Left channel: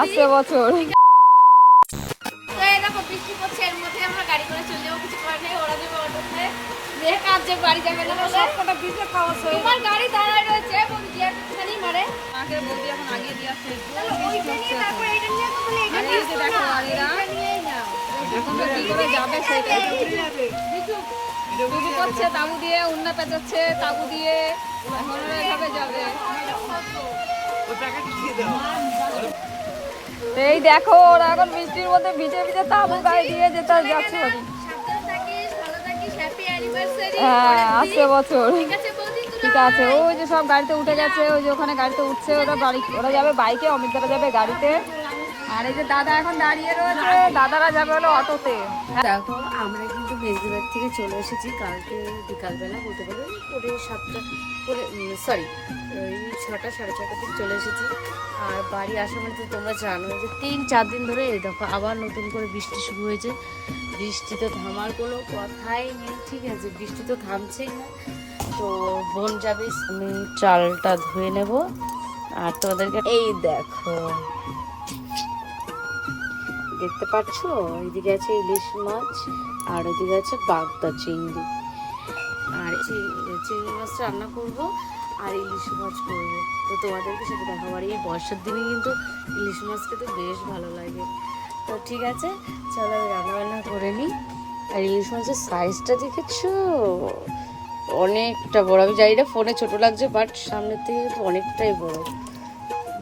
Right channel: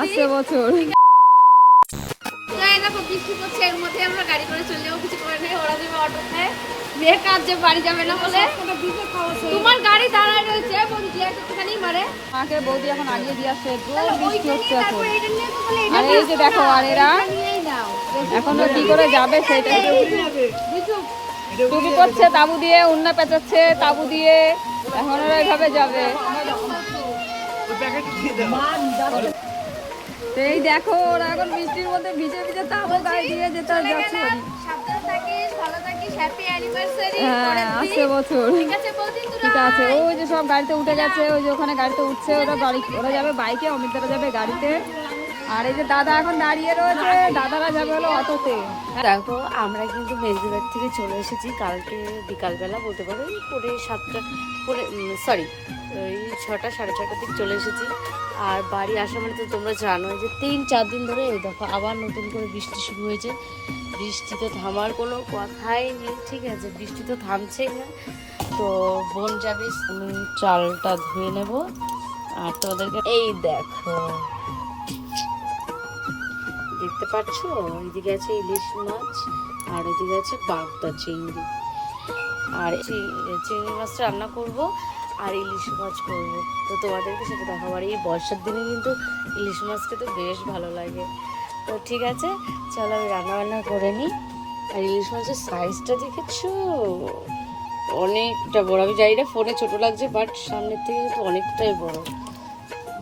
আসছে বছর বৃষ্টি পড়ছে, এর মধ্যে আমরা গাড়ি করে চলে যাবো, কিছু করে নেই। ওরা যাবে অটোতে, মেয়ে কাজ যে বাড়ি যাবে না বলে তোমার গাড়ি দাঁড়ায় রয়েছে। বৌদি একটুখানি মারে মাকে বৌদি এখন আগিয়ে দিয়ে আসছে, বৃষ্টি হচ্ছে এখন। আর এই যে দেখো, আর এরা এখন কি করে যাবে সেটা শুরু করছে, তাবু দিয়ে উন্না পেঁচাচ্ছে, তাবু দিয়ে এখন ওরা এভাবে যাবে। এই দেখো ওরা এখন বৃষ্টির মধ্যে ভিজে ভিজে তাবু গায়ে দিয়ে যেতে যাচ্ছে। হ্যাঁ, আসছে বছর। ঠিক আছে, ওই যে সব গাড়িতে উঠে গেছে, ওই যে ওখানে গাড়িতে উঠছে, ওরা যাবে বাইকে, অমিতদারা যাবে গাড়িতে। আর এই যে দাদা এখন দাঁড়িয়ে রয়েছে, দাদারা যাবে হলো অটোতে। দেখো আমরা কিন্তু মেজদিবাড়ি থেকে চলে এসেছি কালকে বিকালবেলা, বলতে পারো পরে 7টা সরি ওই 6টা 6:30টার দিকে চলে এসেছি। আর বাড়ি আসা মানে তো তোমরা জানো যে 3-4 দিন ধরে এই দেখো আবার নতুন করে বৃষ্টি শুরু হয়েছে। বৃষ্টি তো থামার কোনো কথাই নেই, ঠিক আছে, বৃষ্টি তো থামছেই না। তো বোন যাবে, আমি চালটা ধুয়ে নেব। আর তোমাদেরকে এই দেখো, দেখতে পাচ্ছ এইদিকে আছে ইলিশ মাছ, আর ওইদিকে আছে বাগদা চিংড়ি। আর চিংড়ি মাছটা রান্না করব আর ইলিশ মাছ করব, তো তোমাদেরকে সেটা দেখাবো। আর এই বর্ষার দিনে কিন্তু ইলিশ মাছ খেতে বেশ ভালো লাগে। তো ঠিক আছে, চলো আমি রান্নাবান্না করে নিই। আর ইলিশ মাছের সাইজটা দেখেছো, অনেকটা বড়। আমি জানি না ফোনে ছোট লাগছে, বাট সামনের থেকে কিন্তু অনেকটাই বড়,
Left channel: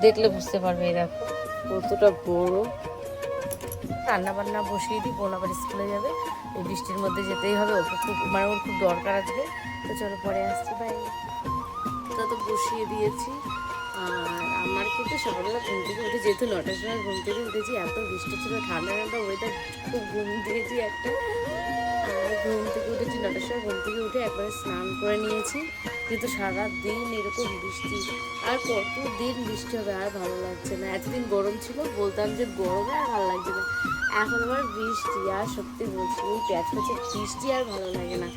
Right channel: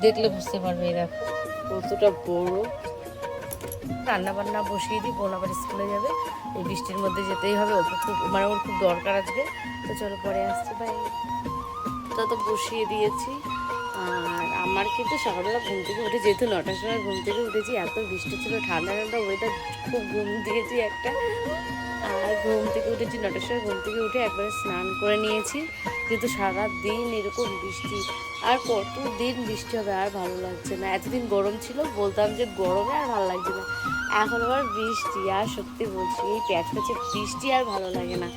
দেখলে বুঝতে পারবে। এই দেখো কতটা বড়। রান্না বান্না বসিয়ে দিই, বোন আবার স্কুলে যাবে, এই বৃষ্টির মধ্যে যেতেই হবে, ওকে খুব মানে ওর খুব দরকার আজকে। তো চলো পরে আসছি, বাই। তো বসিয়ে দিয়েছি। আর আমার কিন্তু সকালবেলা ঘুম থেকে উঠে, যেহেতু 9টার সময় ঘুম থেকে উঠেছি, এত বৃষ্টি ছিল, ঠান্ডা ঠান্ডা ওয়েদার, খুব ঘুম দিয়েছি একটা। আর ঘুম থেকে উঠেছি 9টার সময়, ঘুম থেকে উঠে একবারে স্নান করে নিয়েছি, যেহেতু সারাদিন এরকম বৃষ্টি। আর কতদিন বৃষ্টি হবে, আর ভালো লাগছে না। এতদিন গরম ছিল, বলতাম যে গরমে আর ভালো লাগছে না, এখন আবার বৃষ্টি। আর সত্যি বলছি, এই প্যাচ প্যাচে বৃষ্টি আর ভালো লাগে না।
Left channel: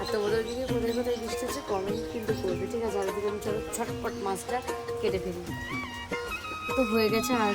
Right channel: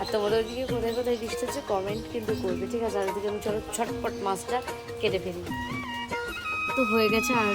আর তোমাদের ওদিকে কোথায় কোথায় বৃষ্টি হচ্ছে কমেন্ট কিন্তু করবে, ঠিক আছে। আর ওদিকে আমি চলো ছটপট মাছটা কেটে ফেলি। তো হয়ে গেছে। আর